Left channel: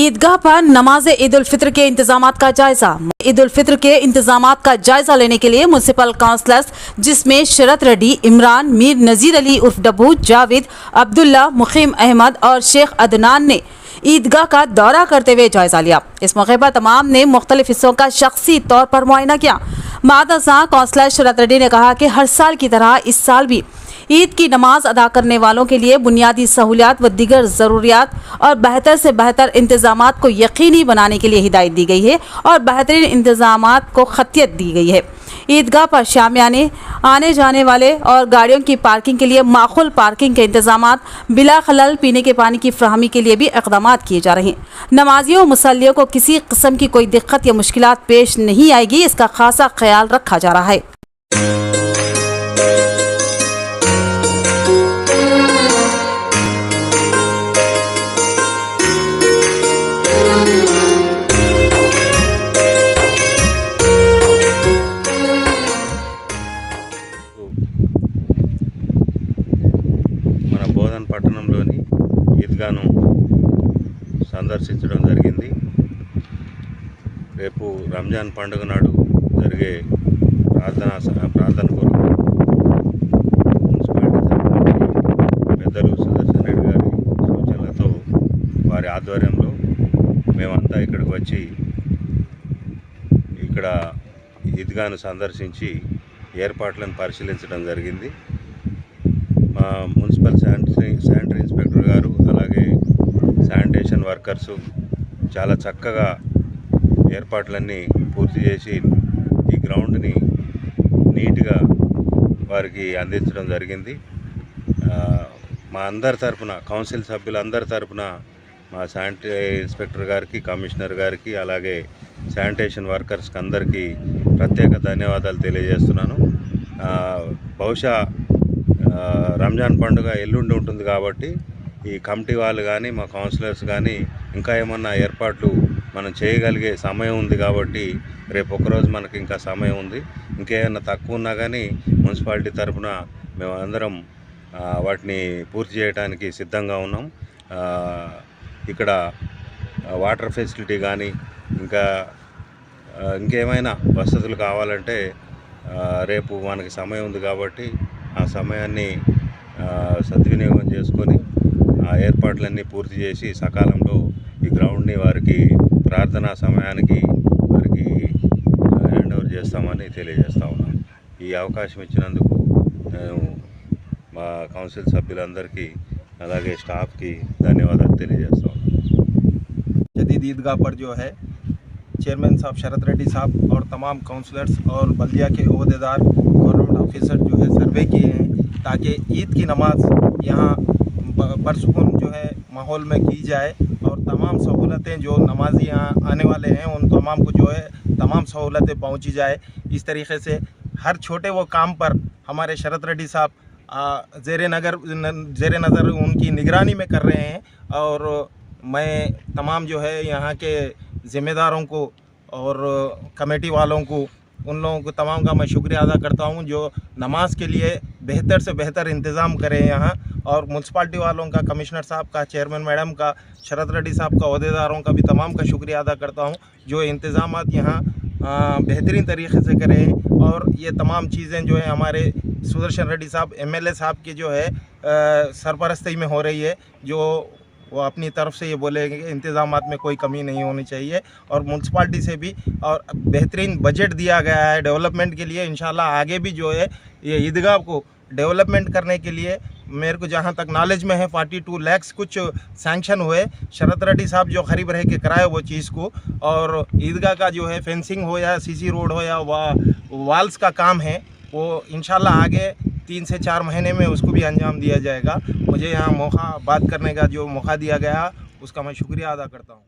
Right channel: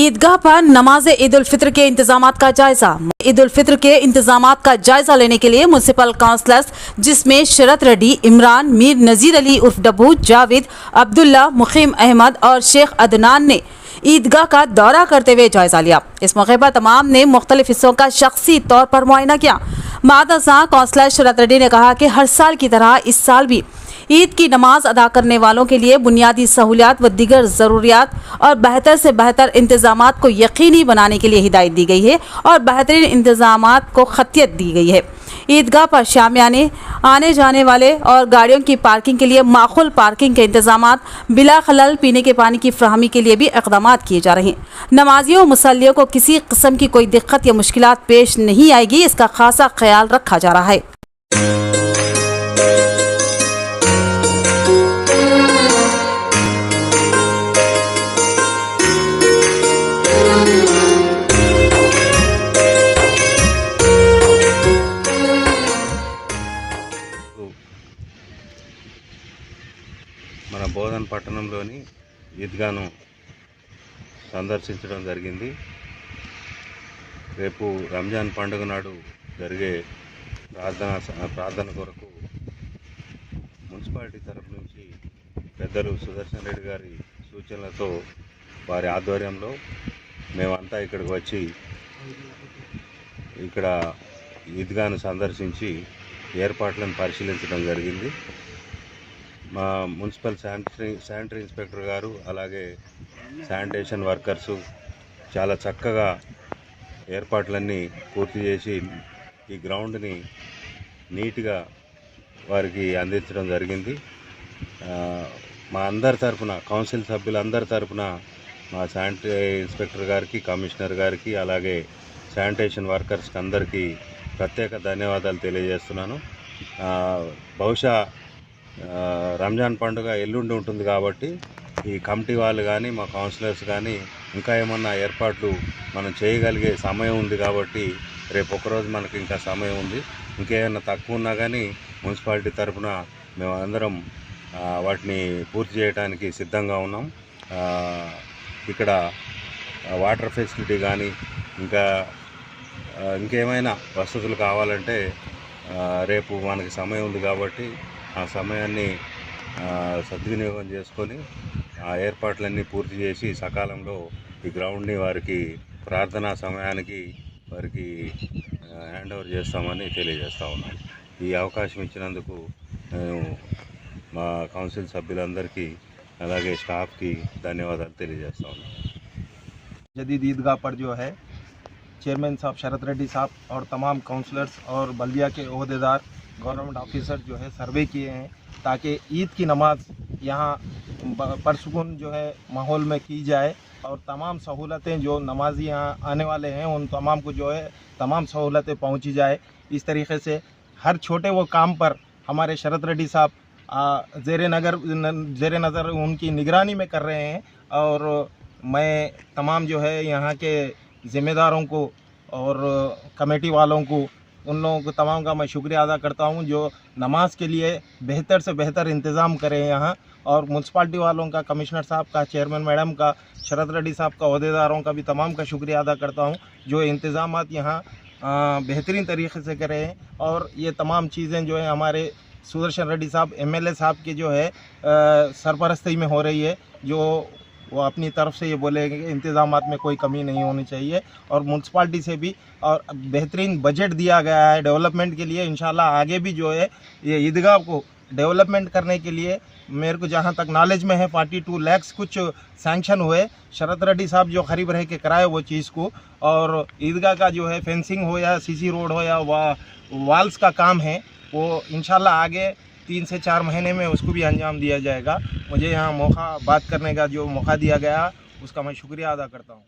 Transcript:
ईदगाह पर नमाज ईद उल फित्र के इंतजामात का जायजा। ईद उल फित्र के इंतजामात का जायजा लेने के लिए म्युनिसिपल काउंसलर्स जिसमें शरत रेड्डी, इमरान, मीर नजीर अली उर्फ डब्बू, जावेद, अब्दुल्ला, मुखीम अहमद और शेख अदनान ने ईदगाह का दौरा करते हुए जायजा लिया। इस मौके पर तमाम ने मुख्तलिफ हिस्सों का शख्सी तौर पर मुआयना किया। मादसा काउंसलर शरत रेड्डी ने कहा कि हर साल की तरह इस साल भी ईद की नमाज अदा करने वालों के लिए बुनियादी सहूलियात व दीगर ज़रूरियात और बेहतर से बेहतर इंतजामात को यकीनी बनाने के लिए हिदायत दी गई है और बेहतरीन इंतजामात को खतियत दी गई है। ईदगाह पर शामियाने, आने जाने वाले और गाड़ियों की पार्किंग के लिए माखूल पार्किंग के इंतजामात, बिला खलल पीने के पानी की फ्राहमी के लिए भी इक़दामात किए जा रहे हैं। नमाजियों मुसल्लियों को किसी किस्म की कोई दिक्कत या मुश्किलात पेश नहीं आएगी, इसका खासा ख्याल रखा जा रहा है। మన బోధన్ పట్టణంలోని ఈద్గాను సందర్శించడం జరిగింది. రేపు రంజాన్ పండుగ నాడు జరిగే ప్రార్థన కొరకు మున్సిపాలిటీ తరఫున పెద్దలు సుదర్శన్ రెడ్డి గారి సూచనలతో వారి ఆధ్వర్యంలో మేమంతా ఇక్కడికి వచ్చి ఇక్కడ ఈద్గాను సందర్శించి ఏర్పాట్లను పరిశీలించడం జరిగింది. మా మున్సిపల్ శానిటరీ ఇన్స్పెక్టర్ గారు అలాగే శానిటేషన్ వర్కర్సు చాలా చక్కగా ఏర్పాట్లన్నీ పూర్తి చేసి ఈ గ్రౌండ్ని నీట్గా వారికి అందించడం జరిగింది. మా అందరి తరఫున, కౌన్సిల్ సభ్యులందరి తరఫున మా శానిటరీ ఇన్స్పెక్టర్ గారికి, కమిషనర్ గారికి అలాగే శానిటేషన్ వర్కర్స్కి అందరికీ ప్రత్యేక ధన్యవాదాలు తెలియజేస్తున్నాను. బహుశా రంజాన్ పండుగ ఎల్లుండి ఉంటుంది కాబట్టి ఈ కమిటీ వాళ్ళు కానీ మా కౌన్సిలర్స్ కానీ ఇంకా ఏమన్నా ఏర్పాట్లు మనం చేయగలిగే సమయం ఉంది కాబట్టి రేపు ఒకరోజు మనకి ఇంకా సమయం ఉంది. ఇంకేమైనా తక్కువ ఉన్నా కానీ మున్సిపాలిటీ తరఫున మేము అందరం వాటిని పూర్తి చేయడానికి సిద్ధంగా ఉన్నాం. ఇక్కడ వాటర్ ఫెసిలిటీ కానీ ఇంకేమైనా వసతులు కావాలంటే రేపు మనకి సమయం ఉంది కాబట్టి ఆ సమయాన్ని సద్వినియోగం చేసుకొని ఆ ఏర్పాట్లన్నీ పూర్తి చేసి సకాలంలో ఈ గ్రౌండ్ని వారికి ప్రార్థనా సమయానికి వారికి హ్యాండ్ ఓవర్ చేస్తామని తెలియజేస్తా ఉన్నాం. ఈ అవకాశం ఇచ్చినందుకు మేము మా కౌన్సిల్ సభ్యులందరికీ అలాగే స్టాఫ్కి ధన్యవాదాలు తెలియజేస్తా ఉన్నాం. जदीद ईदगाह पर जो है चेयरमैन साहब शरत रेड्डी साहब और तमाम काउंसलर्स और बल्दिया के ओहदेदार, गवर्नमेंट ऑफिसर जो है सर्वे किए हैं ताकि ईद की नमाज यहाँ परसुकून जो है माहौल में की जाए और तमाम सहूलतें जो नमाजी यहाँ आने वाले हैं उन तमाम को जो है तमाम सहूलतें पहुँची जाए। इस तरीके से हर छोटे वो काम पर हमारे शरत रेड्डी साहब ज़ेर नज़र उनकी निगरानी में कर रहे हैं और मैं तमाम जो है यहाँ के ज़िम्मेदारों को और कमेटी वालों को, उन लोगों को तमाम का मैं शुक्रिया अदा करता हूँ जो नमाज के लिए बेहतर से बेहतर इंतज़ाम करें यहाँ। और म्यूनसिपाल्टी वालों का, कमिश्नर साहब का, चेयरमैन मैडम का, शरत रेड्डी साहब का, ओहदेदारों का भी तमाम का शुक्रिया अदा करता हूँ जो इंतज़ामात यहाँ बेहतरीन तरीके से करें। और ये तमाम चीज़ें जो है हमारे सुदर्शन रेड्डी साहब MLA साहब की जो है सरपरस्ती में हो रही है, जो वो अपनी तरफ से ये बोलेंगे कि इंतज़ामात में कोई कमी नहीं होनी चाहिए। और म्यूनसिपाल्टी से भी और बेहतरीन बजट दिया गया है डेवलपमेंट के लिए। इंशाल्लाह आगे भी जो है ये ईदगाह को डेवलपमेंट करने के लिए मेरे को जहाँ तक नॉलेज में है 42 लाख कुछ सैंक्शन हुए। शरत रेड्डी साहब जो करीब रह के कराए वो चीज़ को, और ईदगाह का जो है फेंसिंग हो या CC रोड हो या वाल्स का काम है वो इंशाल्लाह आगे 3 से 4 महीने में उसको भी अंजाम दिया जाएगा। मुझे यहाँ बात करने का जो मौका दिया गया उसका मैं शुक्रिया अदा करता हूँ।